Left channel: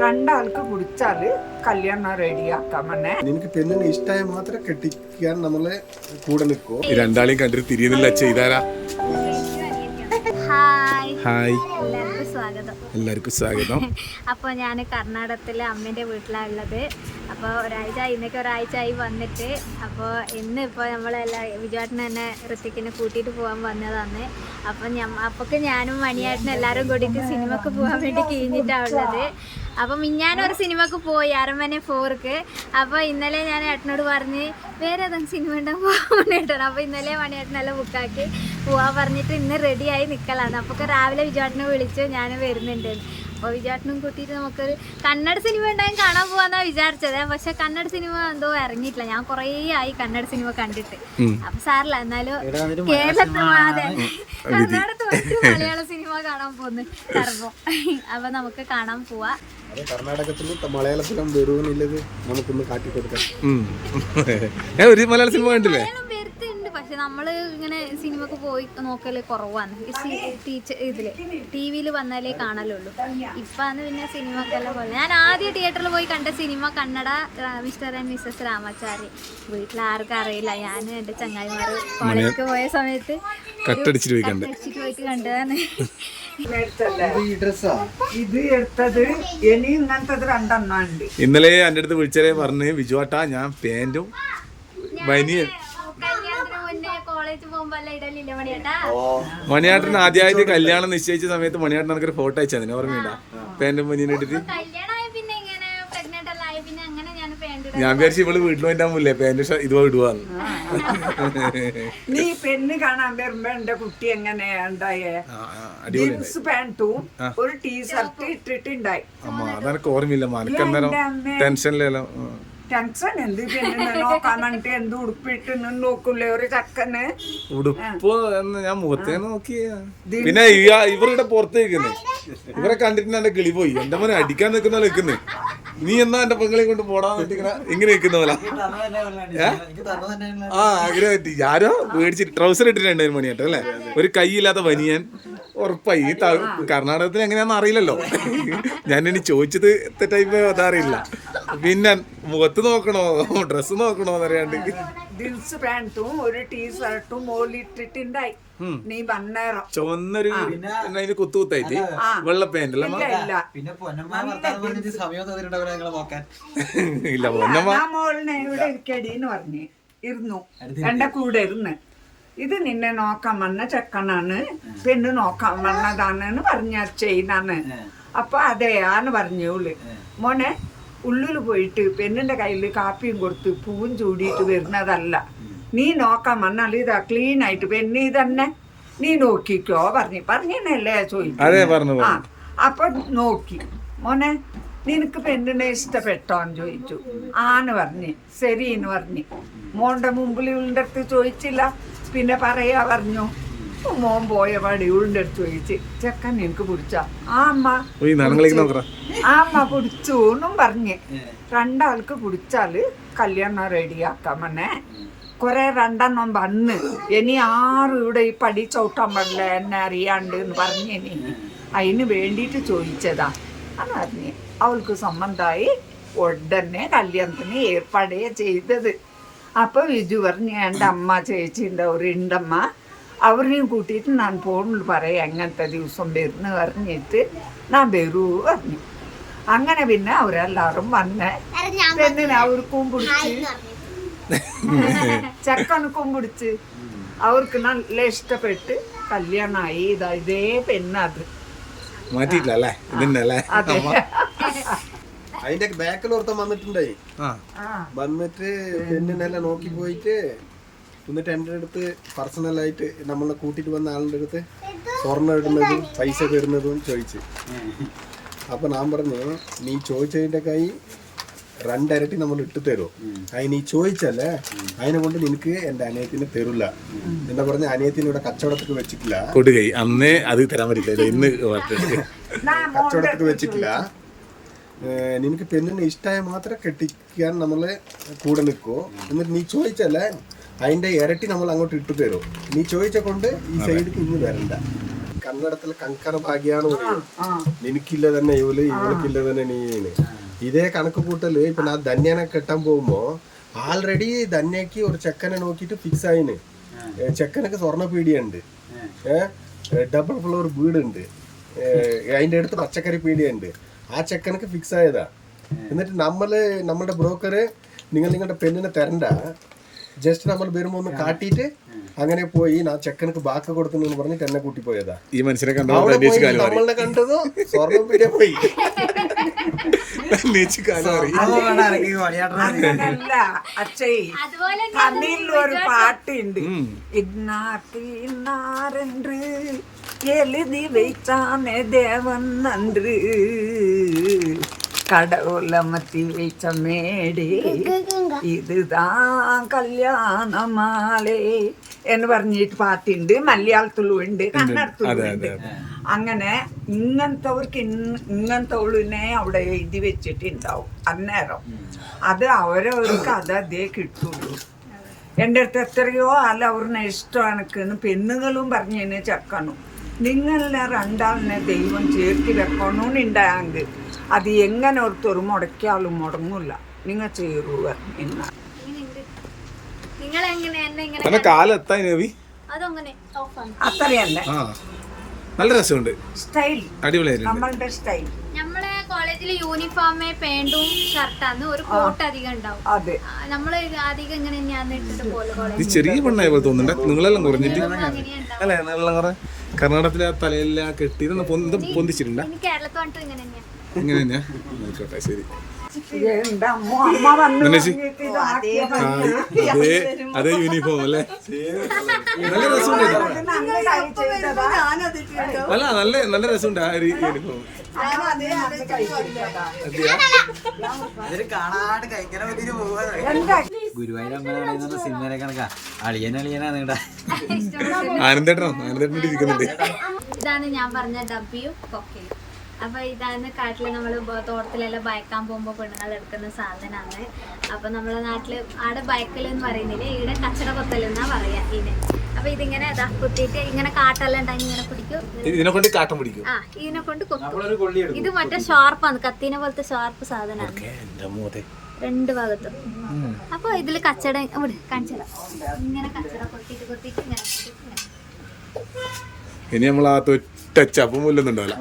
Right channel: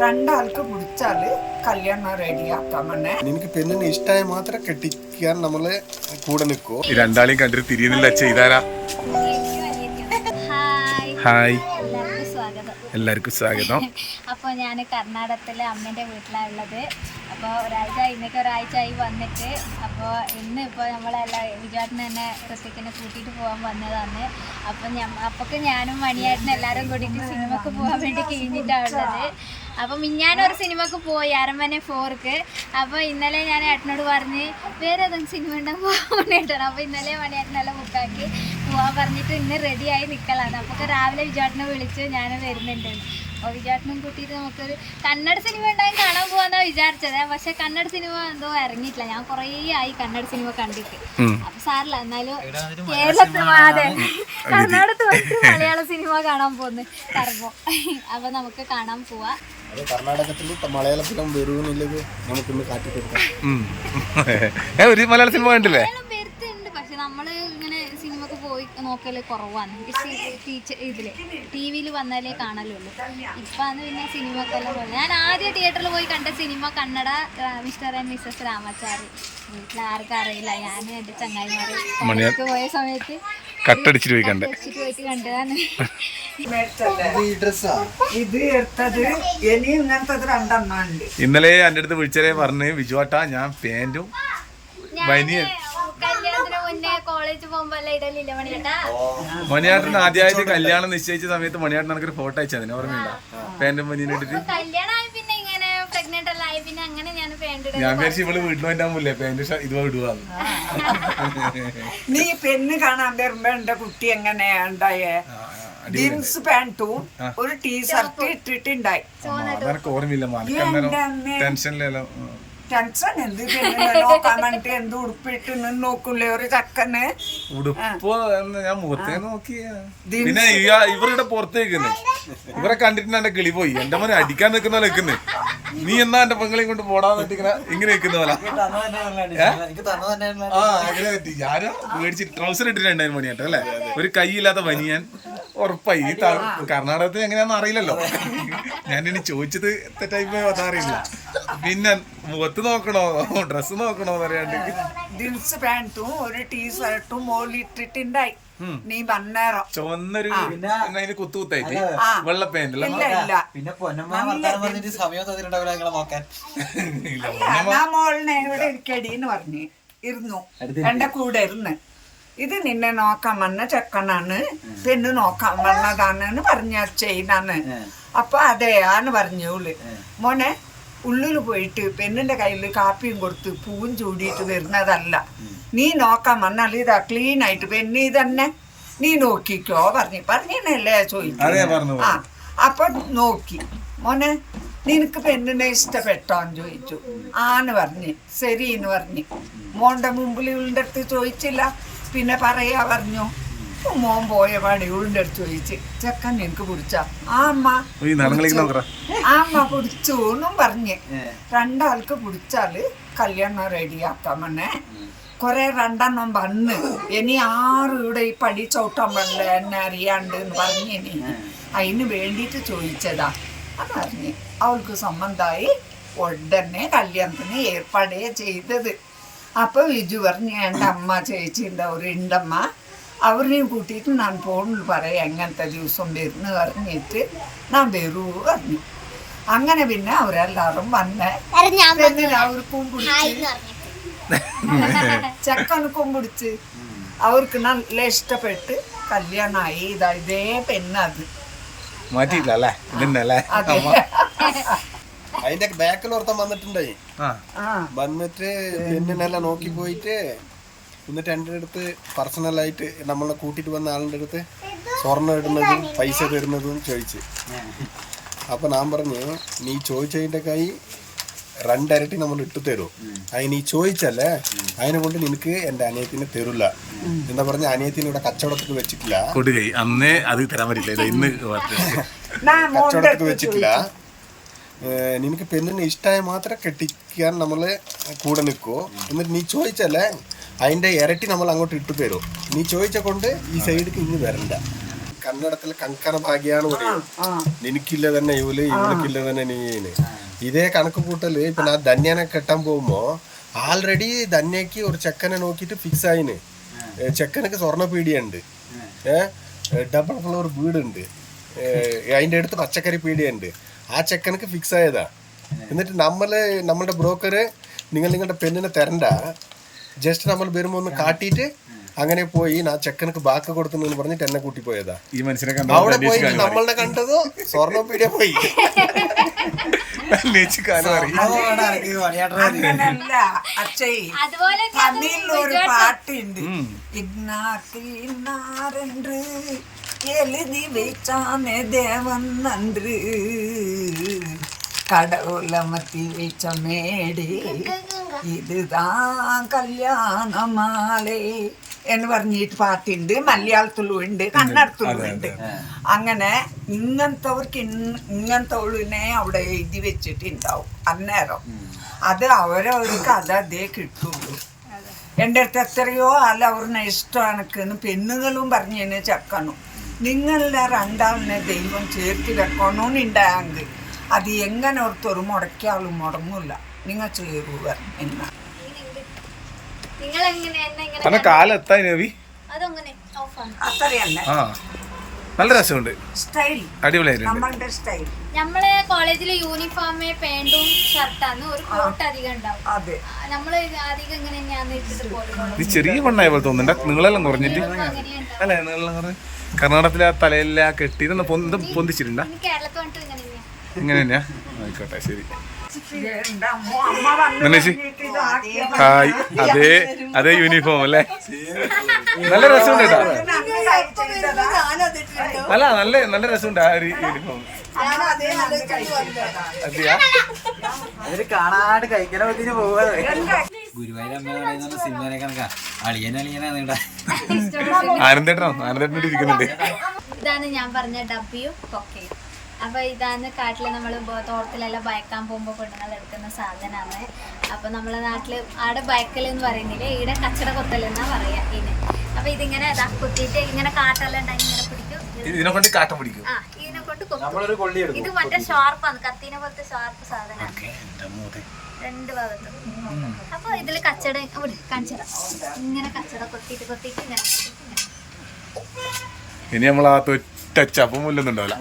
രണ്ടാൾക്ക് കുടിച്ചാൽ കല്യാണം റെഡിയാക്കാൻ തന്നെ എനിക്ക് പെണ്ണിന് ഇഷ്ടമായ മാത്രം കെട്ടിക്കാൻ നമ്മൾ കൂടെ നിൽക്കോ. രണ്ടാളെയും കണ്ടിട്ട് തിരിയുന്നില്ല ചെയ്താരാ ഹായ്. ഹായ്. എല്ലാവർക്കും സ്വാഗതം. എല്ലാവർക്കും സ്വാഗതം. അപ്പോൾ ഞാൻ കർണാടകത്തിലെ അമ്മേന്റെ വീട്ടിലാണ് ഉള്ളത്. അപ്പോൾ ഒരാഴ്ച ഇന്നൊക്കെ ഒരാഴ്ച ആയി വന്നിട്ട്. അപ്പോൾ ഇന്ന് ഇപ്പോൾ നമ്മളെല്ലാം വിജുവാട്ടിന് തന്നെ ഋത്തിക്കിനെ കൂട്ടിയിട്ട് പോകാൻ വന്നതാണ് അപ്പം ഞാൻ അപ്പൊക്കെ ഞാനും മണിയാട്ടിനും എല്ലാവരും കൂടിയിട്ട് സിനിമക്ക് പോകാൻ വേണ്ടി കഴിഞ്ഞിട്ടാണ് ഉള്ളത്. അപ്പോൾ മിഞ്ഞാനൊരു സിനിമക്ക് പോയി അരമനെ ഫോർക്ക്. അപ്പോൾ ഇന്നലെ ഞാൻ ഏട്ടനോട് പറഞ്ഞ് വേറെ ഏതെങ്കിലും സിനിമ ഉണ്ടാകും പോകാൻ വേണ്ടിയിട്ടാണ് അപ്പോൾ ഇന്നലെ മണിയേട്ടനെല്ലാം ബുക്കാക്കി പോകാൻ പറഞ്ഞിട്ട് ഇന്ന് റെഡിയായി നിൽക്കലാണ് അപ്പോൾ രാവിലെ വിജാട്ടിനെ വിളിച്ച് ഞാൻ വരുന്നുണ്ട്. അപ്പോൾ വിചാരിച്ചും കൂട്ടിയിട്ട് നമുക്കൊരു കന്നഡ സിനിമ ഉണ്ടായും കാണാൻ പോവാന്നാ വിചാരിച്ചത്. പക്ഷെ കന്നഡ സിനിമ എന്തോ ഇറങ്ങിയിട്ടില്ല. ഞാൻ കുറേ ആയി കന്നഡ സിനിമ കണ്ടിട്ട്. അപ്പൊ സാറില്ല എന്നാലും കേരളത്തിൽ അതെ. കർണാടകത്ത് വെച്ച് മലയാള സിനിമ കാണാൻ പോകുന്നു കർമ്മം. അപ്പൊ നമുക്ക് കാണാൻ പോവാ. കർണാടകത്തിലും മലയാളത്തിലും വരുമെന്നുള്ളത് നമുക്കിന്ന് കാട്ടിക്കൊടുക്കാം. ഒരു മലയാള സിനിമ കണ്ടില്ലേ? പക്ഷെ നമ്മൾ ഇങ്ങനെ സിനിമക്ക് പോയി നോക്കൽ കുറവാണ്. ഈ ടീച്ചർ ഇതിൽ ടി വിയിൽ വന്നാലേ കാണലുള്ളൂ. ഇപ്പാന്ന് പിന്നെ സിനിമക്കെല്ലാം പോലെ ഞാൻ ആദ്യം തിയേറ്ററിൽ പോയി കണ്ട cinema Kannada mister and missus Ramachari വീട്ടിൽ ആർക്കും അറിയില്ല. ഞാൻ എന്റെ ചങ്ങായിമാര് കോളേജിൽ പോയ സമയത്ത് കട്ടടിച്ചിട്ട് പോയി കണ്ടേ. വെച്ചിട്ട് പോയിട്ട് കണ്ടതാണ്. മേടിച്ചല്ലേ ഇത് എടുത്തത് ഇനി ഇങ്ങനത്തത് രണ്ടെണ്ണം ഇന്നലെ എന്റെ അടുത്ത് വിളിച്ചതേ പറഞ്ഞു വിജുവാട്ടാ ഞാൻ പാന്റും ബനിയൻ കോളേജിൽ പോകുമ്പോ ഇടലില്ല മണിയേട്ടാ മണിയാട്ടൻ ആദ്യമായിട്ട് കല്യാണം നിശ്ചയിച്ച സമയത്ത് മണിയാട്ടൻ എനിക്കൊരു ഫോട്ടോ അയച്ചു അതിന് ഓർമ്മയുണ്ടാ? പാന്റും ബനിയനും ഇട്ടിട്ട്. കല്യാണമായി പിന്നെ ഇങ്ങനെ പ്രഗ്നന്റ് എല്ലാം ആയി പിന്നെ അങ്ങനെ ഞാൻ പാന്റ് ഞാൻ വിചാരിച്ചു ഇവൾ വീട്ടിൽ വേണ്ടാൻ പോലേ പാന്റ് ഇതുവാ ഇടുവാന്ന് നീ പെണ്ണ് കാണാൻ വരുമ്പോ എന്റെ കുട്ടി എങ്ങനെയാ ഉണ്ടായേ? ജീൻസ് പാന്റും ഒരു ടീഷർട്ട് ഇട്ടിട്ടുണ്ടായി. അമ്മ അതെനക്ക് ഓർമ്മയില്ല. മനക്കന്നേരം ടെൻഷനിലല്ലോ ടെൻഷൻ. എന്ത് നോക്കാൻ വേണ്ടി എന്ത് ഉടുപ്പിട്ട് നോക്കൂലേ ഒരു ചക്കന് ഉടുപ്പ് എന്ന് ഞാൻ മുഖത്തേ നോക്കിയ പിന്നെ ഇവരുടെ പുറത്ത് നിൽക്കുന്നേ ഇവരെ കണ്ടിട്ട് എന്റെ കിളി പോയി. എന്റെ മോനെ അടിക്കാൻ നിൽക്കുന്ന പോലെ നിൽക്കുന്നേ. നീ എന്നാ എന്റെ പെങ്ങളെ കൊണ്ട് പോടാൻ വേണ്ടി ഇങ്ങനെ നിൽക്കുന്ന പോലെ? ആ അങ്ങനെ പറ്റി. ആരോ മേടിച്ച് ട്രൗസർ ഇട്ടിട്ടുണ്ടായിരുന്നു മണിയാട്ടോ അല്ലേ? ഒരു കൈയില്ലാത്ത പനിയൻ. ഉറപ്പായി. ഈ കർണാടകത്തിൽ എങ്ങനെയാന്ന് അറിയില്ലല്ലോ. ഞാൻ ഇനി ചോദിച്ചത് തെറ്റായി ടൈപ്പ് അതറിയില്ല. പിന്നെ മുഖത്ത് നോക്കണോ? ഡ്രസ് നോക്കണോ എന്നറിയാണ്ട്. ജീൻസ് പാന്റും ഒരു ടീഷർട്ടും മോളിട്ടിട്ടുണ്ടായി നീ വന്നേരം ചുവന്നൊരു അതിന് കുത്തു കുത്തായിട്ട് വെള്ള ഇല്ല പിന്നെ പറഞ്ഞിട്ട് സമയം തന്നിട്ടുണ്ടാവില്ല നിങ്ങളെ നോക്കാൻ. ഇല്ല മോളിനെ ഇവിടെ ഇരിക്കടിന്ന് പറഞ്ഞു ഇരുന്നു. എന്റെ കൂടെ ഇരുന്ന്. ഇത് നിന്നെ നോക്കാൻ വന്ന ചെക്കനാണ്. പെണ്ണ് നോക്കാൻ വന്നതാണ് പറഞ്ഞ ചെയ്യുന്നാണ് അപ്പൊ അതെയാന്ന് പറഞ്ഞോൾ മോനെ ഉള്ളിൽ പോയിട്ട് പെണ്ണിന്റെ കയ്യിൽ കാപ്പിയും കൊടുത്ത് പൂവും ചൂടിയിട്ട് വരുന്നതല്ല. നീ നോക്കാൻ വന്നാൽ ഇതാ ക്ലീൻ ആയിട്ട് പെണ്ണി തന്നെ നീ നോക്കിക്കോ പറഞ്ഞു. പറഞ്ഞല്ലേ ചോദിച്ചു ആ അപ്പൊ നോക്കി. മോനെ നിനക്ക് പെണ്ണിനെ ഇഷ്ടപ്പെട്ടോന്ന് ചോദിച്ചു. ആന്ന് പറഞ്ഞു. ശരി എന്ന് പറഞ്ഞു. മോന്റെ മുമ്പിൽ അടുത്ത് ചോദിച്ചില്ല. പിന്നെ പറയാ പറഞ്ഞു. മോൻ പോയ പാടി ഇവളുടെ അടുത്ത് ചോദിച്ച് ചെക്കൻ നിനക്ക് പിടിച്ച? ആ അമ്മ ആ അമ്മ പിടിച്ചു എന്നും പറഞ്ഞ്. രണ്ടാൾക്ക് പിടിച്ചാൽ കല്യാണം റെഡിയാക്കാൻ മണ്ണേ കുറെ രണ്ടെണ്ണം വന്ന്. ഇനി ആറ് ഇവിടെ ഈ പടി ചവിട്ടാൻ പാടില്ല എന്നെ അറിയാണ്ട് എന്ന് പറഞ്ഞിനി അതിന് വേണ്ടിയിട്ട് ചോദിച്ചതാ എന്ന് പറഞ്ഞ്. അവൾക്ക് സംബന്ധമായി ഉടനെ കല്യാണത്തിന് ഏർപ്പാടേ ചെയ്തത്. അപ്പൊ വിജു പറഞ്ഞു എന്റെ അമ്മ ചേച്ചി ഉണ്ടാവും ഉണ്ടമ്മ അവരെയും കൂട്ടിയിട്ട് ഞാൻ ഫോണിൽ പറയാം എങ്ങനത്തെ ദിവസം വരുന്നു പറഞ്ഞിട്ട് ഞാൻ വരൂ പറഞ്ഞു. അങ്ങനെ പിന്നെ അവരെല്ലാവരും വന്ന് പെണ്ണിനെ അവർക്കും പിടിച്ച് ചെക്കനക്കും പിടിച്ച് അവർക്ക് നല്ല ഇഷ്ടപ്പെട്ട് കല്യാണമായി ഇതാ ഇതേ പെണ്ണ് അത്. ഇതന്നെ അതിന്റെ ബാക്കിൽ ഒരുത്തം വന്നിട്ടുണ്ടായി. വന്നിട്ട് പെണ്ണിനെല്ലാം നോക്കി പോയിട്ട് എന്നിട്ട് എന്റെ അടുത്ത് പേഴ്സണലായിട്ട് നമ്മളെ കൂട്ടിയിട്ട് വന്ന ആളുടെ അടുത്ത് സ്വർണം ഇടുന്നതും പൈസ തരുന്നതും ചോദിച്ച്. അപ്പൊ ഞാൻ പറഞ്ഞു നീ ചോദിച്ചതിന്റെ കൈ രണ്ടരട്ടി നമ്മൾ ഇട്ട് തരും അതിന് നീ ചോദിച്ചല്ലേ? അതിനെ കൊണ്ട് നിനക്ക് എന്റെ അനിയത്തിനെ തരില്ല എന്താ പറഞ്ഞ അനിയത്തിനെ ഇവിടെ കച്ചവടത്തിൽ വെച്ചിട്ടില്ല. കൊടുകൈ അന്നേ അത് തരാൻ പറ്റില്ല. ഇന്ന് കച്ചവടത്തിൽ വെച്ചിട്ടില്ല. നിനക്ക് പെണ്ണിന് ഇഷ്ടമായ മാത്രം കെട്ടിക്കാൻ നമ്മൾ കൂടെ നിൽക്കൂ എന്നിട്ട് നീ ചോദിച്ചല്ലേ? അതിന്റെ ഇരട്ടി നമ്മൾ അങ്ങോട്ട് ഇട്ടു തരും. നീ ചോദിച്ച കൊണ്ട് ഈ സൈഡിക്ക് ഇനി വരണ്ട. കന്നഡത്തിൽ കങ്കണ ഭാഗ്യാണ് പറയും നിനക്കില്ല തന്നെ ഇവൾ ഇവൾക്കില്ല തന്നെ നീന്. ഇതേ കണക്ക് കൂട്ടൽ ഇപ്പൊ ഞാൻ ധന്യനെ കെട്ടാൻ പോകുമ്പോ ആൾറെഡി ധന്യക്ക് ഒരു ചെക്കനെ നോക്കിട്ട് ഫിക്സ് ആയിന്. ചെക്കനക്ക് സ്വർണ പീടിയുണ്ട് ഏഹ് ഡബിൾ ഫ്ലോർ വീടുണ്ട്. അതിന്റെ അടുത്ത് പച്ചക്കറി പീടിയുണ്ട്. ആ ചെക്കനക്ക് ഫിക്സ് ആയതാ. എന്നിട്ട് നമ്മൾ നമ്മളുടെ ബ്രോക്കറ് നിങ്ങൾ നിങ്ങളുടെ പെണ്ണിനെ തരണ്ട. ജസ്റ്റ് നമ്മൾ വരുമ്പോ ഒന്ന് കാട്ടിട്ട് അങ്ങനെ പോയി ആ ചെക്കനക്ക് ബാക്ക് കൊടുക്കുന്നു എന്ന് പറഞ്ഞിട്ട് എന്നെ കൂട്ടി പോയതാ. ഈ മനുഷ്യനെ കണ്ടു അവിടെ പോയി നമ്മളെ കണ്ടത്? സ്വർണപ്പീഡിയ പോയി. അതുപോലെ ഒരു പാട്ടുണ്ട്. ഇന്നാത്തി ഇന്നാറുണ്ട് എഴുതി വെച്ചാണ് ദേവൻ നന്ദി கடவுள மத்தி வைச்ச மேடே இதுதான் കല്യാണ മാലേ എന്ന് പറഞ്ഞിട്ട് പാട്ടുണ്ട് മലയാളത്തിലും ഉണ്ട് കന്നഡത്തിലും ഉണ്ട് അങ്ങനെ ഇങ്ങനത്തവർക്ക് ഇങ്ങനത്തവളിനെ അവിടെ എഴുതി വെച്ചിട്ടുണ്ടാവും അന്നേരം അത് അവരവർക്ക് അത് അതേ കിട്ടുള്ളൂ എൻ്റെ അടുത്ത് എത്രയോ ആൾ അവരുടെ ഇഷ്ടം എനക്കെന്ന് പെണ്ണുങ്ങളും പറഞ്ഞതിന് ചെക്കനും നിങ്ങളെ രണ്ടാളിനെ ദൈവം ചേർത്തി വെക്കണമെന്നുണ്ടായെങ്കിൽ അത് എങ്ങനെ ഒരുത്തൊരു മുടക്കിയാലും മുടങ്ങില്ല നിങ്ങൾ ചേരുവ എന്നാ. നിങ്ങൾ എങ്ങനെ എന്നെ ഇങ്ങനെ അന്ന അതങ്ങനെ? ഓഫാണ് അത്രയല്ല. ആ. നല്ല രസമുണ്ട്. സ്റ്റൈൽ അടിപൊളിയായിട്ടുണ്ട്. നമ്മളുടെ സ്റ്റൈൽ നമ്മളെ കോളേജിൽ യൂണിഫോമേ പാന്റും ഷർട്ടാന്ന് ഒരു കോട്ട് അധികം ഉണ്ടാവും. അതെ. നമ്മൾ അധികം ഇങ്ങനെ തന്നെയാന്ന് ഇട്ടിട്ട് പോലെ ഇത് ചെറിയ പെണ്ണായ പോലെ തോന്നുന്നുണ്ട്. നിങ്ങളെല്ലാം കുറഞ്ഞിട്ട്. അല്ലേ നിങ്ങളെല്ലാം കുറഞ്ഞ്. കർണാടകത്തിലെ ആ തലയിലെ ആ കെട്ടി ഇതൊന്ന് പൊന്ത പൊന്തിച്ചിട്ടുണ്ടാ? ഇനി കേരളത്തിൽ വന്നിട്ട് ഇങ്ങനെ തന്നെയാ. ഇങ്ങനെ തന്നെയാ? ആയിക്കോട്ടെ ശരി. ഹായ് അതേ അതേ യൂണിഫോം അല്ലേ? നല്ല രസമുണ്ട് കേട്ടാ. അല്ല നല്ല നല്ല രസമുണ്ട് ആ ഒരു യൂണിഫോം അമ്മ സിനിമയിലെ കണക്കാ. അളിയൻ അളിയനാണ് ഇവിടെ ആനന്ദേട്ടനോ? ആനന്ദേട്ടനോട് ഇരിക്കുന്നുണ്ട്. ഇതാണ് ഞാൻ പറഞ്ഞ ഡബ്ബിയും കൊക്കയും അപ്പൊ ഇതാണ് കാട്ടിൽ നമ്മൾ തോട്ടത്തിലെല്ലാം ബയക്കാൻ പോകുമ്പോൾ പെണ്ണുങ്ങൾ എടുക്കുന്ന സാധനമാണ് അപ്പൊ നമ്മളെ നാട്ടിൽ ആടെ ബയക്കൽ എന്ന് പറയുന്നില്ല? ഈടെ കച്ചട കൊത്തൽ എന്നാ പറയാ ഇതിന്. അപ്പൊ ഇതിങ്ങനെ ഇതാ കുത്തിയിട്ട് ഇങ്ങനെ കാട്ടെല്ലാം ഉണ്ടായി ഇങ്ങനെ പിടിക്കും. ഇതിനെ കൊണ്ട് കാട്ടം പിടിക്കും. ആ ഇതിനെ കൊണ്ട് കൊത്തും. നമ്മളൊരു കൊള്ളി എടുക്കും. ഇത് മറ്റേ ഷാർപ്പാണ്. കത്തീനെ പോലത്തെ ഷാർപ്പ് സാധനമാണ് രണ്ട് ഭാഗത്തും. അപ്പൊ ഇതിൽ കച്ചട ഇവിടെ കാണിച്ചതാ ഇങ്ങനെ കച്ചട കൊത്തിയിട്ട് കൊത്തിട്ട് ഇങ്ങനെ കൊത്തിയിട്ട് ഇങ്ങനെ. ഇനി നമ്മൾ ആ തൊറ്റ ചപ്പം മുല്ലൊന്നുണ്ടാവില്ല.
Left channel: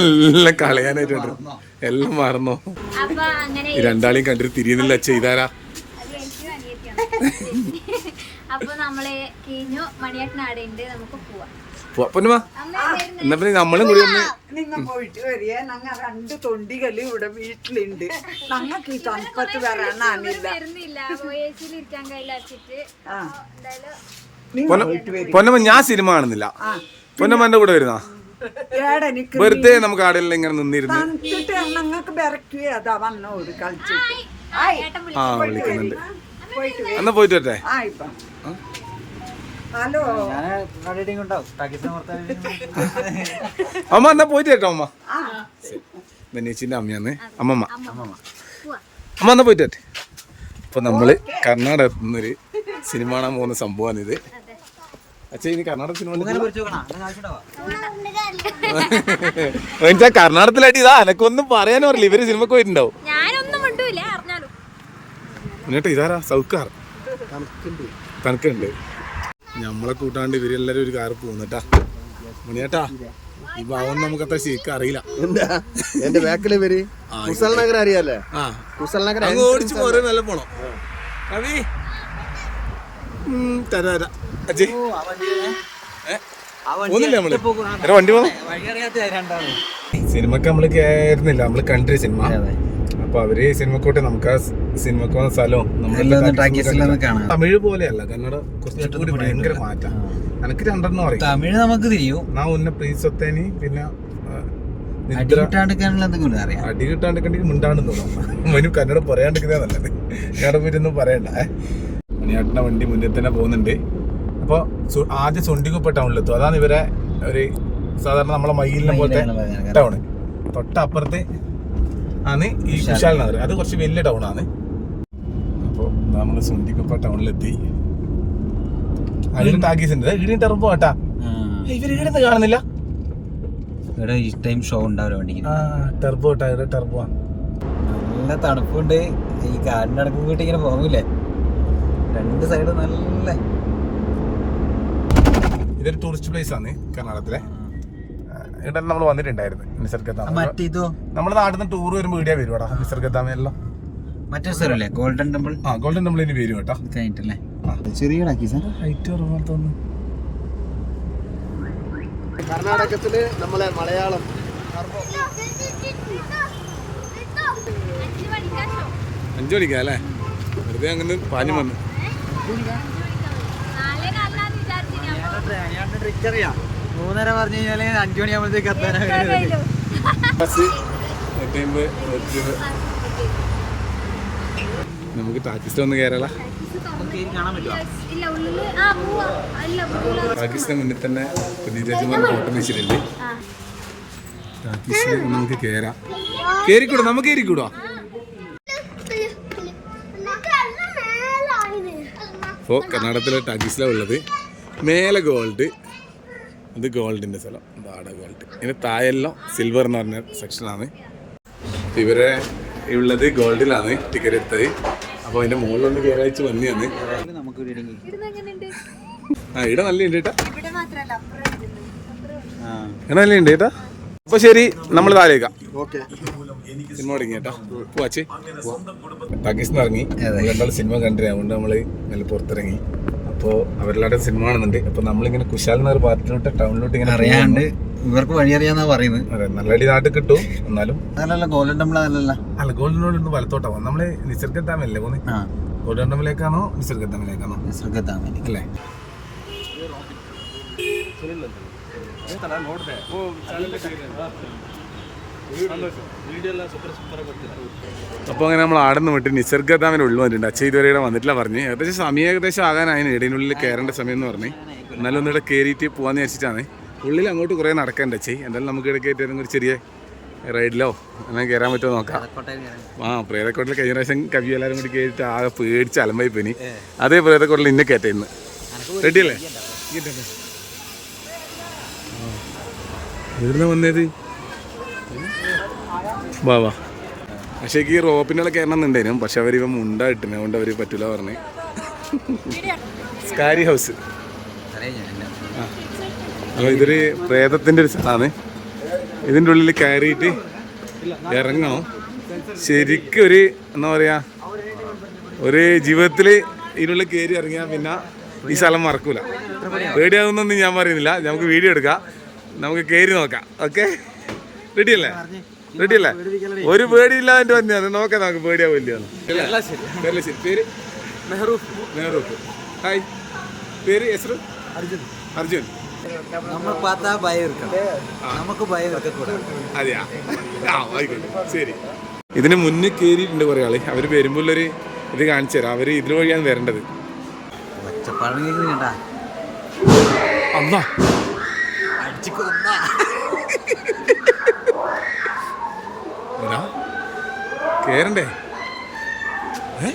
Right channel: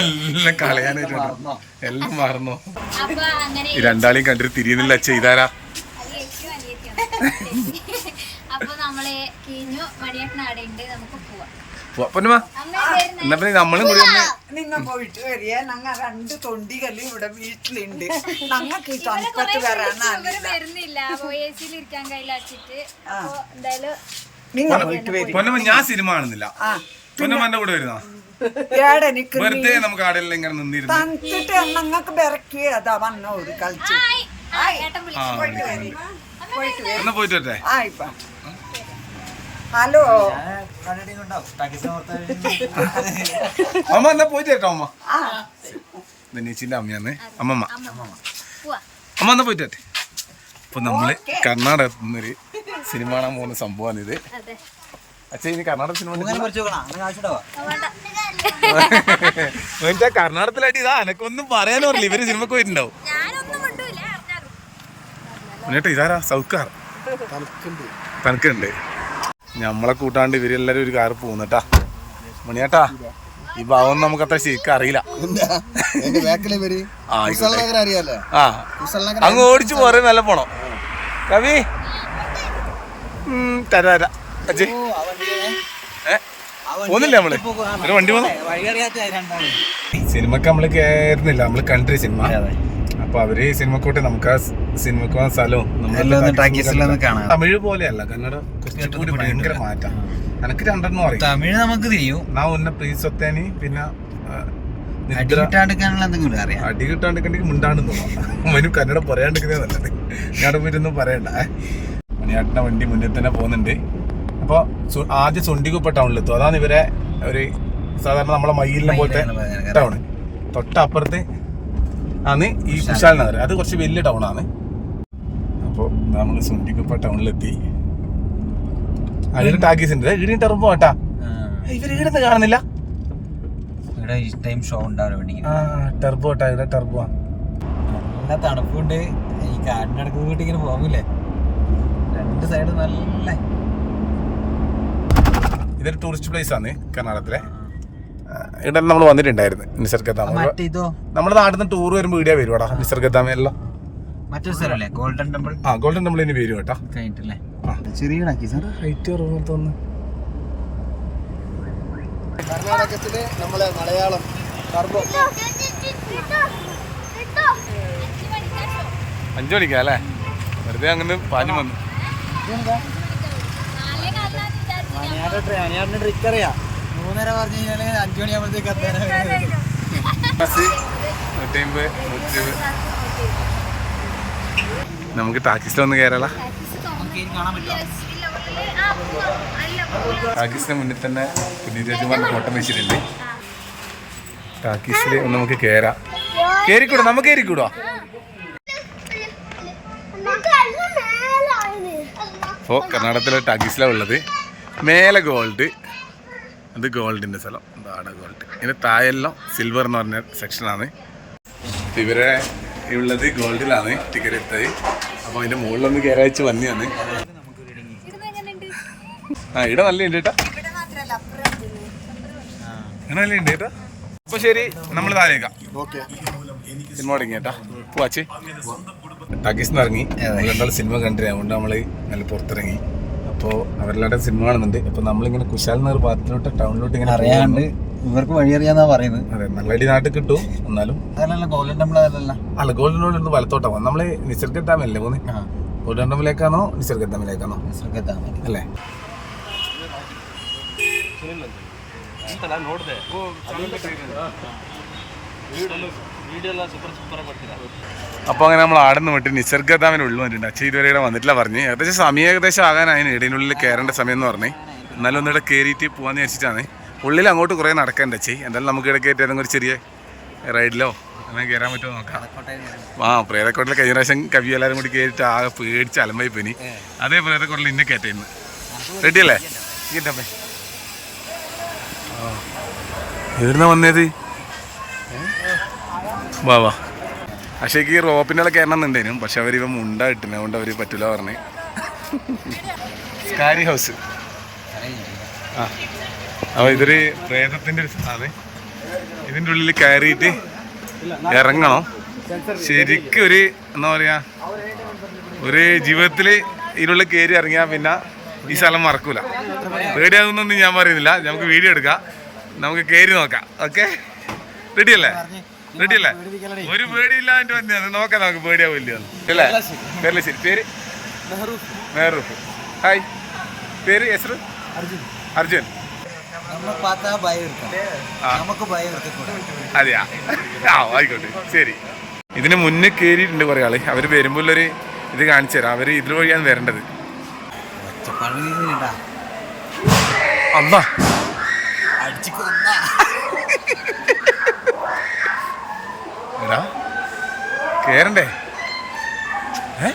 എല്ലാം കളയാനായിട്ടുണ്ട് എല്ലാം മറന്നു? അപ്പൊ രണ്ടാളെയും കണ്ടിട്ട് തിരിയുന്നില്ല ചെയ്താലാ അപ്പൊ നമ്മളെ കീഞ്ഞു നമുക്ക് പോവാം. പോ- പൊന്നുമാ അമ്മ എന്നാ പിന്നെ നമ്മളും കൂടി ഒന്ന് നിങ്ങ പോയിട്ട് വരിക. ഞങ്ങ രണ്ട് തൊണ്ടികൾ ഇവിടെ വീട്ടിലുണ്ട്. ഞങ്ങൾക്ക് ഈ തണുപ്പത്ത് വരാനാണ് വരുന്നില്ല. അപ്പൊ ഇരിക്കാൻ കയ്യിൽ വെച്ചിട്ട്. അപ്പൊ നിങ്ങൾ പോയിട്ട് വരിക. പൊന്നമ്മ ഞാൻ സിനിമ കാണുന്നില്ല. ആ പൊന്നമ്മ എന്റെ കൂടെ വരുന്ന? വെറുതെ നമുക്ക് ആടെല്ലാം ഇങ്ങനെ നിന്നിരുന്നു. ഞങ്ങൾക്ക് അതാ വന്ന ഒരു കളിച്ചിട്ട്. ആ, വിളിക്കുന്നുണ്ട്. എന്നാ പോയിട്ട് വരട്ടെ? ആ ഇപ്പൊ. ഹലോ. അമ്മ എന്നാ പോയിട്ട് കേട്ടോ അമ്മ? ആ. ധനേച്ചിന്റെ അമ്മയാന്ന് അമ്മമ്മ. അമ്മ എന്നാ പോയിട്ട് അപ്പൊ നമ്മൾ കർണാടകത്തിൽ നിന്നൊരു സിനിമ കാണാൻ പോകുന്ന സംഭവമാണിത് അതെ. അച്ഛൻ ഇനി കർണാടക സിനിമ എന്നുവെച്ചാ കർണാടകത്തിലായിട്ട് ഇതാ എനക്കൊന്നും പറയാനും അറിയില്ല. ഇവർ സിനിമക്ക് പോയിട്ടുണ്ടാവും. മുന്നേട്ടോ ഇതാരാ? സൗക്കാർ. തണുക്കുണ്ട്. നമ്മളെ കൂട്ടാണ്ട് ഇവരെല്ലാരും ഒരു കാറ് പോകുന്നട്ടാ മണിയേട്ടാ ഈ ഭാവം നമുക്ക് അത്ര ശരിക്കും അറിയില്ല. എന്റെ കുസൽ നഗർ അറിയാലേ? ആ. കുസൽ നഗർ അങ്ങ് ഓടിച്ചു പോരെ നല്ല പോണം. കവി? തരാ. പോന്നില്ലേ നമ്മൾ? ഒരു വണ്ടി പോന്നു സിനിമക്ക് നമ്മൾ കേറുന്നില്ല. നമ്മൾ കൺട്രി സിനിമ. അപ്പൊ അവർ സിനിമക്കോട്ടെ നമുക്ക് ആ സിനിമക്ക് പോകുന്ന സ്ഥലവും നമ്മളെല്ലാം തമിഴ് പോലെയല്ല. കന്നഡ കുറച്ചുകൂടി ഭയങ്കര മാറ്റാം. എനിക്ക് രണ്ടെണ്ണം അറിയാം? തമിഴ് നമുക്ക് തിരിയും. നാ ഉന്ന പ്രീസൊത്തേനി പിന്നെ അടി കിട്ടാണ്ടിക്കണ്ടെങ്കിൽ മിണ്ടാണ്ട് തോന്നുന്നു കന്നഡ പറയാണ്ടിരിക്കുന്നേ നല്ലത്. ഞാൻ പോയിട്ടൊന്നും പറയണ്ട. മണിയാട്ടിന്റെ വണ്ടി മുന്നിൽ തന്നെ പോകുന്നുണ്ട്. അപ്പോൾ ആദ്യം സൊണ്ടിക്കുപ്പ ടൗണിലെത്തും അതാണ് ഇവരെ ഒരു സാധാരണ നമ്മളെ മയിലിനെ പോലത്തെ ടൗൺ തൊട്ടപ്പുറത്ത് ആണ് ഈ കുശാൽ നഗർ. അത് കുറച്ച് വലിയ ടൗണാണ് അപ്പോൾ നമ്മൾ സുണ്ടിക്കുപ്പ ടൗണിലെത്തി അതിന് ടാക്കീസിന്റെ ഉണ്ട് ഇടി ടെറുമ്പോ കേട്ടാ ഇവർ ഇടുന്ന് കാണുന്നില്ല. ഇവിടെ ഈ ടൈം ഷോ ഉണ്ടാവില്ല വണ്ടിക്ക്. ആ ടെർബോ ഇവിടെ ടെർബോ നല്ല തണുപ്പുണ്ട്. ഈ കാടിന്റെ അടക്കം വീട്ടിൽ ഇങ്ങനെ പോകില്ലേ? രണ്ട് സൈഡ് നല്ല ഇതൊരു ടൂറിസ്റ്റ് പ്ലേസ് ആണ് കർണാടകത്തിലെ. ഇവിടെ നമ്മൾ വന്നിട്ടുണ്ടായിരുന്നു ഇതോ നമ്മുടെ നാട്ടിൽ നിന്ന് ടൂർ വരുമ്പോൾ ഇവിടെ വരും കേട്ടോ എല്ലാം മറ്റൊരു സ്ഥലമല്ലേ ഗോൾഡൻ ടെമ്പിൾ ആ ഗോൾഡൻ ടെമ്പിൾ പേര് കേട്ടോ. കഴിഞ്ഞിട്ടല്ലേ? ആ. ചെറിയ സാർ ഹൈറ്റ് കുറവ് തോന്നുന്നു. കർണാടകത്തിൽ നമ്മളെ മലയാളം. അഞ്ചു മണിക്കാ അല്ലേ? വെറുതെ അങ്ങനെ പാഞ്ഞു വന്നു നാളെ കാലാന്ന് വിചാരിച്ചിനി അപ്പൊ ഞാൻ ട്രിക്ക് അറിയാം മൂന്നര പറഞ്ഞു കഴിഞ്ഞാൽ അഞ്ചു മണിയാകുമ്പോഴത്തേക്ക് നമുക്ക് ടാക്സിസ്റ്റ് ഒന്ന് കയറാല ടാക്കീസിന് മുന്നിൽ തന്നെ പുനീരാജുമാരുടെ ഫോട്ടോ വെച്ചിട്ടുണ്ട്. ടാക്കീസിൽ നമുക്ക് കയറാം കയറിക്കൂടാ നമുക്ക് കയറിക്കൂടാ ഇപ്പോൾ കർണാടകത്തിലെ ടാക്കീസിലാണ് ഉള്ളത്. മേലെ ഗോൾഡ് അത് ഗോൾഡിന്റെ സ്ഥലം. ഇതാണ് ഗോൾഡ് ഇതിന്റെ താഴെല്ലാം സിൽവർ എന്ന് പറഞ്ഞ സെക്ഷനാണ് ഇവരെ ഉള്ളത് ഗോൾഡിലാണ് ടിക്കറ്റ് എടുത്തത്. അപ്പോൾ അതിന്റെ മുകളിലൊന്ന് കയറി വെച്ച് വന്നിയാണ് ആ ഇവിടെ നല്ല ഉണ്ട് കേട്ടാ. ഇവിടെ നല്ല ഉണ്ട് കേട്ടാ. അപ്പോൾ ശരി നമ്മൾ താഴേക്കാം ഓക്കെ സിനിമ തുടങ്ങി കേട്ടാ. ടാക്കീസിന്ന് ഇറങ്ങി രണ്ടാൾ സിനിമ കണ്ടിരുന്നു. അതുകൊണ്ട് നമ്മൾ നല്ല പുറത്തിറങ്ങി. അപ്പോൾ അവരെല്ലാവരുടെ സിനിമ കാണുന്നുണ്ട് അപ്പോൾ നമ്മളിങ്ങനെ കുശാൽ നഗർ പാർട്ടിലോട്ട് ടൗണിലോട്ട് ഇങ്ങനെ അറിയാണ്ട് ഇവർക്ക് വഴി അറിയാന്നാ പറയുന്നത് അതെ നല്ല അടി നാട്ടിൽ കിട്ടും എന്നാലും അതല്ലല്ലോ ഗോൾഡൻ ടെമ്പിൾ അതല്ല അല്ല ഗോൾഡിനോട് ഒന്ന് വലത്തോട്ടാ പോകും നമ്മൾ നിസർഗ ഡാമല്ലേ പോകുന്നത് ഗോൾഡൻ ഡാമിലേക്കാണോ നിസർഗ ഡാമിലേക്കാണോ ശ്രദ്ധത്താമ അല്ലേ അപ്പോൾ അങ്ങനെ നമ്മൾ ആടുന്ന് വിട്ട് നിസർഗ ഉള്ളു വന്നിട്ടുണ്ട്. അച്ഛൻ ഇതുവരെ ഇവിടെ വന്നിട്ടില്ല പറഞ്ഞ്. ഏകദേശം സമയം ഏകദേശം ആകാനായി. ഇടയിനുള്ളിൽ കയറേണ്ട സമയം എന്ന് പറഞ്ഞ്. എന്നാലും ഒന്നിവിടെ കയറിയിട്ട് പോകാമെന്ന് വെച്ചിട്ടാണ് ഉള്ളിൽ അങ്ങോട്ട് കുറേ നടക്കണ്ട അച്ഛൻ എന്തായാലും നമുക്ക് ഇടയ്ക്ക് ഏറ്റവും ഒരു ചെറിയ റൈഡിലോ അങ്ങനെ കയറാൻ പറ്റുമോ നോക്കാം. ആ പ്രേതക്കോട്ടിൽ കഴിഞ്ഞ പ്രാവശ്യം കവി എല്ലാവരും കൂടി കയറിയിട്ട് ആകെ പേടിച്ച് അലമ്പായി പോയി അതേ പ്രേതക്കോട്ടിൽ ഇന്നെ കയറ്റ ഇന്ന് റെഡി അല്ലേ ആ. വന്നത് വാ വാ. അക്ഷയ്ക്ക് ഈ റോപ്പിന്റെ കയറണം എന്നുണ്ടേനും പക്ഷെ അവർ ഇവ മുണ്ട ഇട്ടിന് അതുകൊണ്ട് അവർ പറ്റില്ല പറഞ്ഞേ. Scary house. ആ. അപ്പോൾ ഇതൊരു പ്രേതത്തിന്റെ ഒരു സ്ഥലമാണ്. ഇതിന്റെ ഉള്ളിൽ കയറിയിട്ട് ഇറങ്ങണം. ശരിക്കും ഒരു എന്താ പറയുക ഒരു ജീവിതത്തിൽ ഇതിനുള്ളിൽ കയറി ഇറങ്ങിയാൽ പിന്നെ ഈ സ്ഥലം മറക്കൂല. പേടിയാകുന്നൊന്നും ഞാൻ പറയുന്നില്ല. നമുക്ക് വീഡിയോ എടുക്കാം. നമുക്ക് കയറി നോക്കാം. ഓക്കെ? റെഡി അല്ലേ റെഡി അല്ലേ ഒരു പേടിയില്ലാതെ വന്നെയാണ് നോക്കാം നമുക്ക് പേടിയാവില്ല അല്ലേ? പേര്? മെഹറൂഫ്. ഹായ്. പേര് യസ്രു അർജുൻ. അർജുൻ. നമ്മൾ പാത്താ ഭയം ഇരിക്കാം നമുക്ക് ഭയം ഇരിക്കൂടാ അതെയാ? ആ ആയിക്കോട്ടെ. ശരി. ഇതിന് മുന്നേ കയറിയിട്ടുണ്ട് കുറേ ആൾ. അവർ വരുമ്പോൾ ഒരു ഇത് കാണിച്ചു തരാം. അവർ ഇതിൽ വഴിയാണ് വരേണ്ടത്. അമ്മ അടിച്ചു കൊന്നാ എടാ കേറണ്ടേ? ഏ?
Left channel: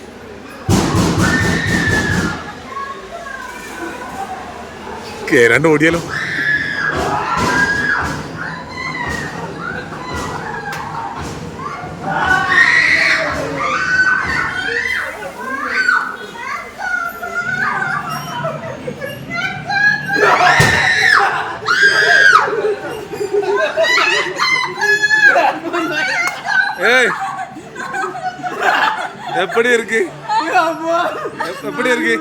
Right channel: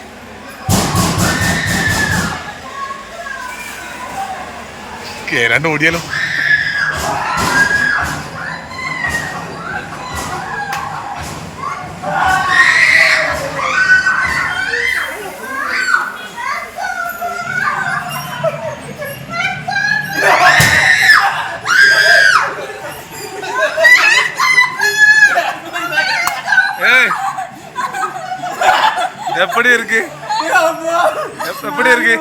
കേറാണ്ട് ഓടിയാലോ? எப்படி இருக்கு எப்- எப்படி இருக்கு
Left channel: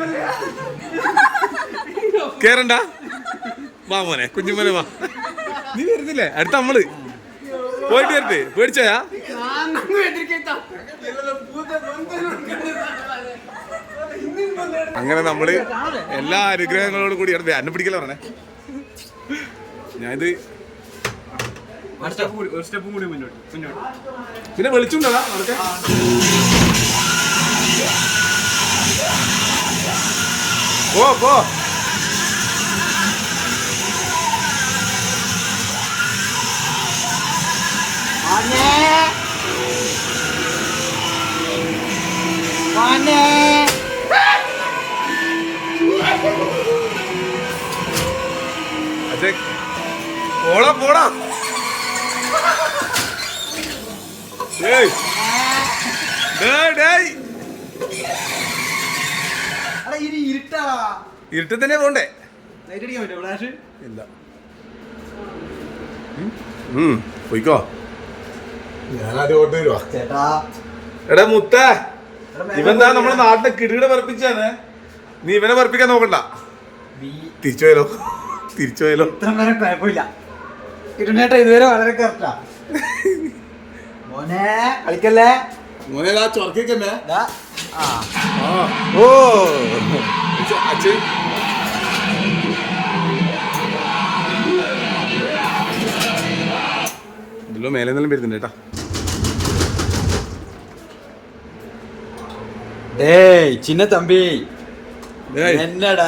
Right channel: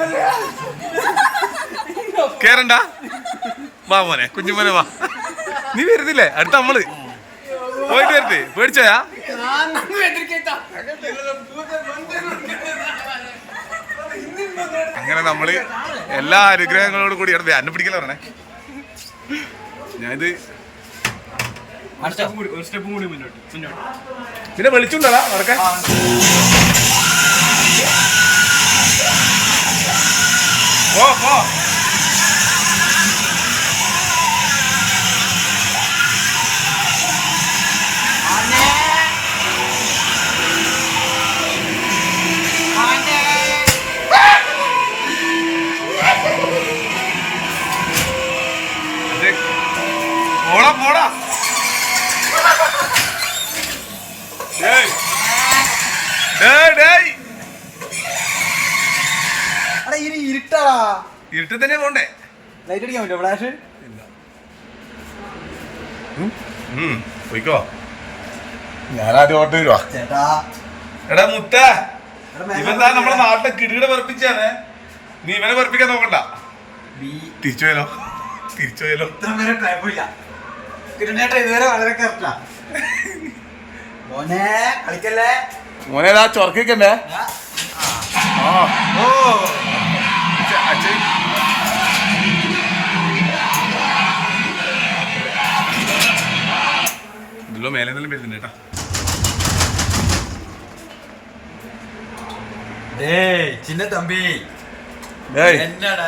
കേറണ്ടാ വാ മോനെ കുഞ്ഞുമോനെ വാ നീ വരുന്നില്ലേ അടുത്ത നമ്മള് പോയിട്ട് വരട്ടെ പേടിച്ചോയാ അങ്ങനെ നമ്മള് എല്ലാ അനുഗ്രഹങ്ങളോടും കൂടി ഇടത് എന്നെ പിടിക്കല പറഞ്ഞേ ഞാനിത് പിന്നെ വിളിച്ചുണ്ടടാ നടക്കാൻ പോ പോ അതെ പോടാ പോടാ ഡേയ് ഡേയ് ഡേയ് എടാ ഇനി ഇരുട്ടാ. ഇരുട്ടിൽ തന്നെ പോണ്ടേ? ലൈറ്റ് അടിക്കാൻ പറ്റുമോ ഫ്ലാഷ് ഇല്ല. പോയിക്കോ. ഞാനാദ്യം ഓട്ട് വരുവാ. ചേട്ടാ. എടാ മുത്തേ. ഇവന്താ നമ്മുടെ നാട്ടിലെ കിടിയുടെ പറപ്പിച്ചാണ് നീ ഇവനെ പറപ്പിക്കാൻ നോക്കണ്ട. തിരിച്ചു പോയാലോ തിരിച്ചു കുഴപ്പമില്ല. ഇതുവരെ വളരെ കറക്റ്റാ. മോനെ കളിക്കല്ലേ? മോനെ ഇതാ. ആ. ഓ. അച്ഛൻ ഇതിലോ മേലെ നിന്നെല്ലാം വരുന്നുണ്ട് കേട്ടാ டேய் சின்ன தம்பி ഡേയ് என்னடா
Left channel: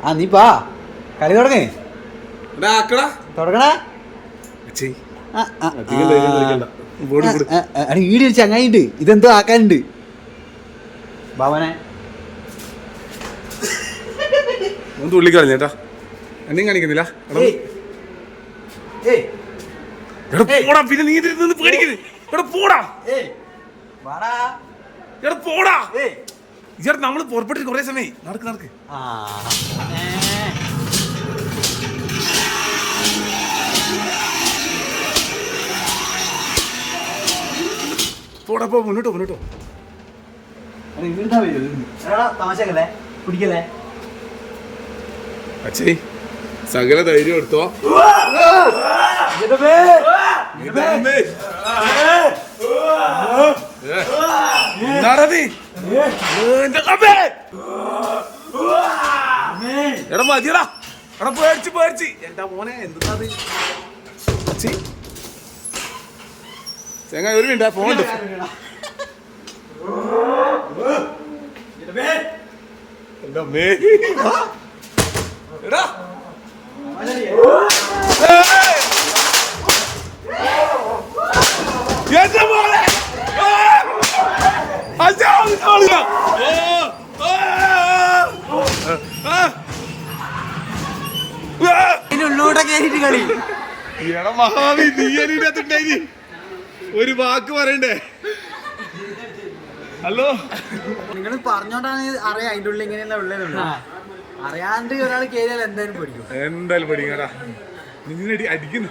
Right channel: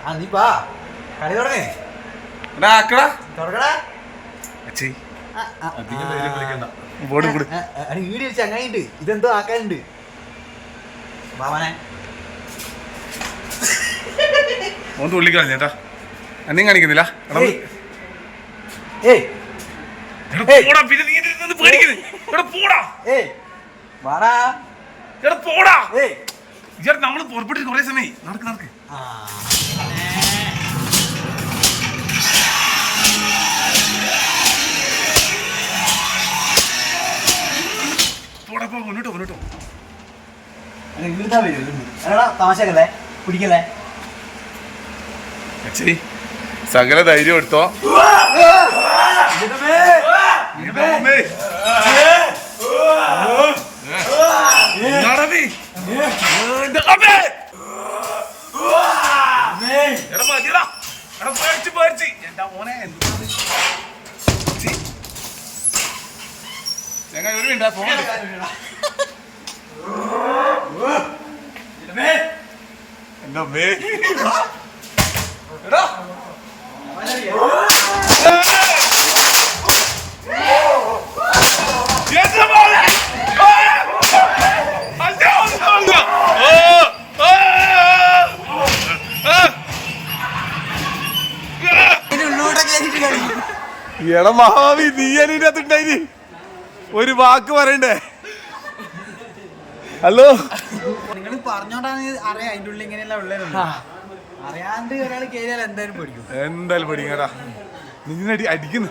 ஆ நீ பா കളി തുടങ്ങ് എടാ ആക്കടാ തുടങ്ങടാ അച്ഛേ അധികം ധൈര്യം കളിക്കണ്ട ബോർഡ് കൂടി അടി വീഡിയോ ചങ്ങായിണ്ട് ഇതെന്തോ ആക്കാനുണ്ട് ബാബനെ ഓൻ തുള്ളി കളഞ്ഞു ചേട്ടാ എന്നെയും കാണിക്കുന്നില്ല. എടാ പോടാ പിന്നെ നീ നിന്ന് എടാ പോടാ. എടാ പോടാ. നമ്മൾ പുറപ്പെട്ടിട്ട് കുറെ സമയം നടക്ക് നടക്ക്. ആ. പോടാ പോ മുന്നോട്ടോ മുന്നോട്ടോ വരൂ പിടിക്കല്ലേ? അച്ഛേ സകല ധൈര്യം എടുത്തോ. എടാ എടാ എന്താ ചങ്ങ ഒരു മിനിറ്റ് ഫോൺ എന്റെ അമ്മേ? എടാ എടാ മഹാവി നീ അതിനകത്തുണ്ടായി ഒരു വാക്ക് പറയണ്ടേ? ഹലോ. നിങ്ങൾ പറഞ്ഞോണ്ടാണ് അറിയാം അതിന്റെ ഉള്ളിൽ ഇങ്ങനെയല്ല ഉള്ളതെന്നുള്ളൂ അറിയാണ്ട് ഒരാൾ കേറിയാൽ എന്തായാലും പേടിക്കും. എന്തായാലും പഠിക്കടാ നിന്നെ അടി അടിക്കുന്നു.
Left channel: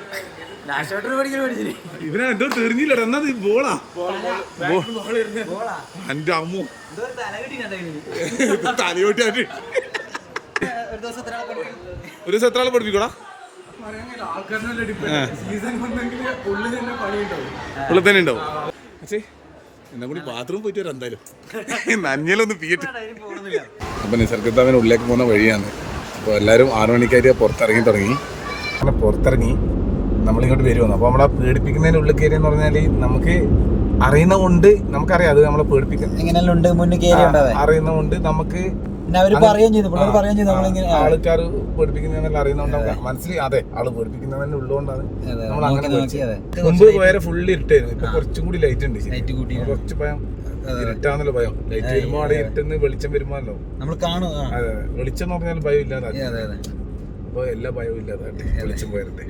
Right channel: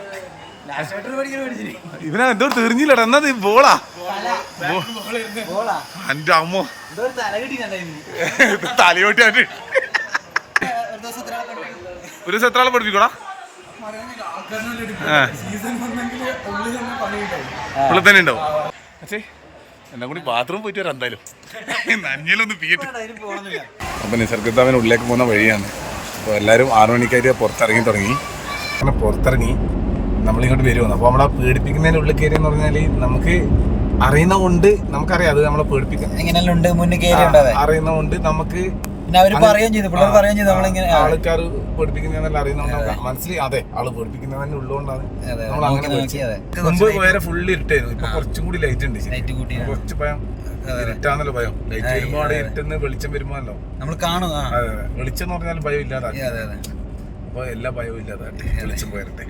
ഇവനെ എന്തോ തെറിഞ്ഞില്ലടാ. എന്നാ നീ ബോളാ? എന്റെ അമ്മോ. തലയോട്ടി ഒരു ദിവസം എത്ര ആളെ പഠിപ്പിക്കോടാ? ഉള്ളിൽ തന്നെ ഉണ്ടാവും. എന്നാ കൂടി ബാത്റൂം പോയിട്ട് വരാം എന്തായാലും. നഞ്ഞലൊന്ന് പീട്ട് അപ്പം നിസർഗത്താവിന് ഉള്ളിലേക്ക് പോകുന്ന വഴിയാണ്. അപ്പൊ എല്ലാവരും ആറു മണിക്കായിട്ട് പുറത്തിറങ്ങി തുടങ്ങി. അങ്ങനെ പുറത്തിറങ്ങി നമ്മളിങ്ങോട്ട് വരുവാണ്. അപ്പൊ നമ്മളെ പേടിപ്പിക്കുന്നതിന് ഉള്ളിൽ കയറി എന്ന് പറഞ്ഞാൽ നമുക്ക് അറിയുന്ന കൊണ്ട് നമുക്കറിയാം. അത് നമ്മളെ പേടിപ്പിക്കുന്ന എങ്ങനെയല്ല ഉണ്ട്? കയറി അറിയുന്ന കൊണ്ട് നമുക്ക് പിന്നെ അവർ പറയുകയും ചെയ്തു. പിള്ളേർ പറയുകയും ചെയ്തു. നമ്മളിങ്ങനെ ആൾക്കാർ പേടിപ്പിക്കുന്നതെല്ലാം അറിയുന്നതുകൊണ്ട് മനസ്സിലായി. അതെ ആൾ പേടിപ്പിക്കുന്നതിന് ഉള്ളതുകൊണ്ടാണ് നമ്മൾ അങ്ങനെ. മുമ്പ് വേറെ ഫുള്ള് ഇരുട്ടായിരുന്നു. ഇപ്പൊ കുറച്ചും കൂടി ലൈറ്റ് ഉണ്ട് കുറച്ച് ഭയം. ഇരുട്ടാന്നല്ലോ ഭയം. ലൈറ്റ് വരുമ്പോ അവിടെ ഇരുട്ടെന്ന് വെളിച്ചം വരുമ്പോ നമ്മൾ കാണും അതെ വെളിച്ചം എന്ന് പറഞ്ഞാൽ ഭയം ഇല്ലാതാക്കി. അപ്പൊ എല്ലാ ഭയവും ഇല്ലാതാട്ടെ വെളിച്ചം പോയിരട്ടെ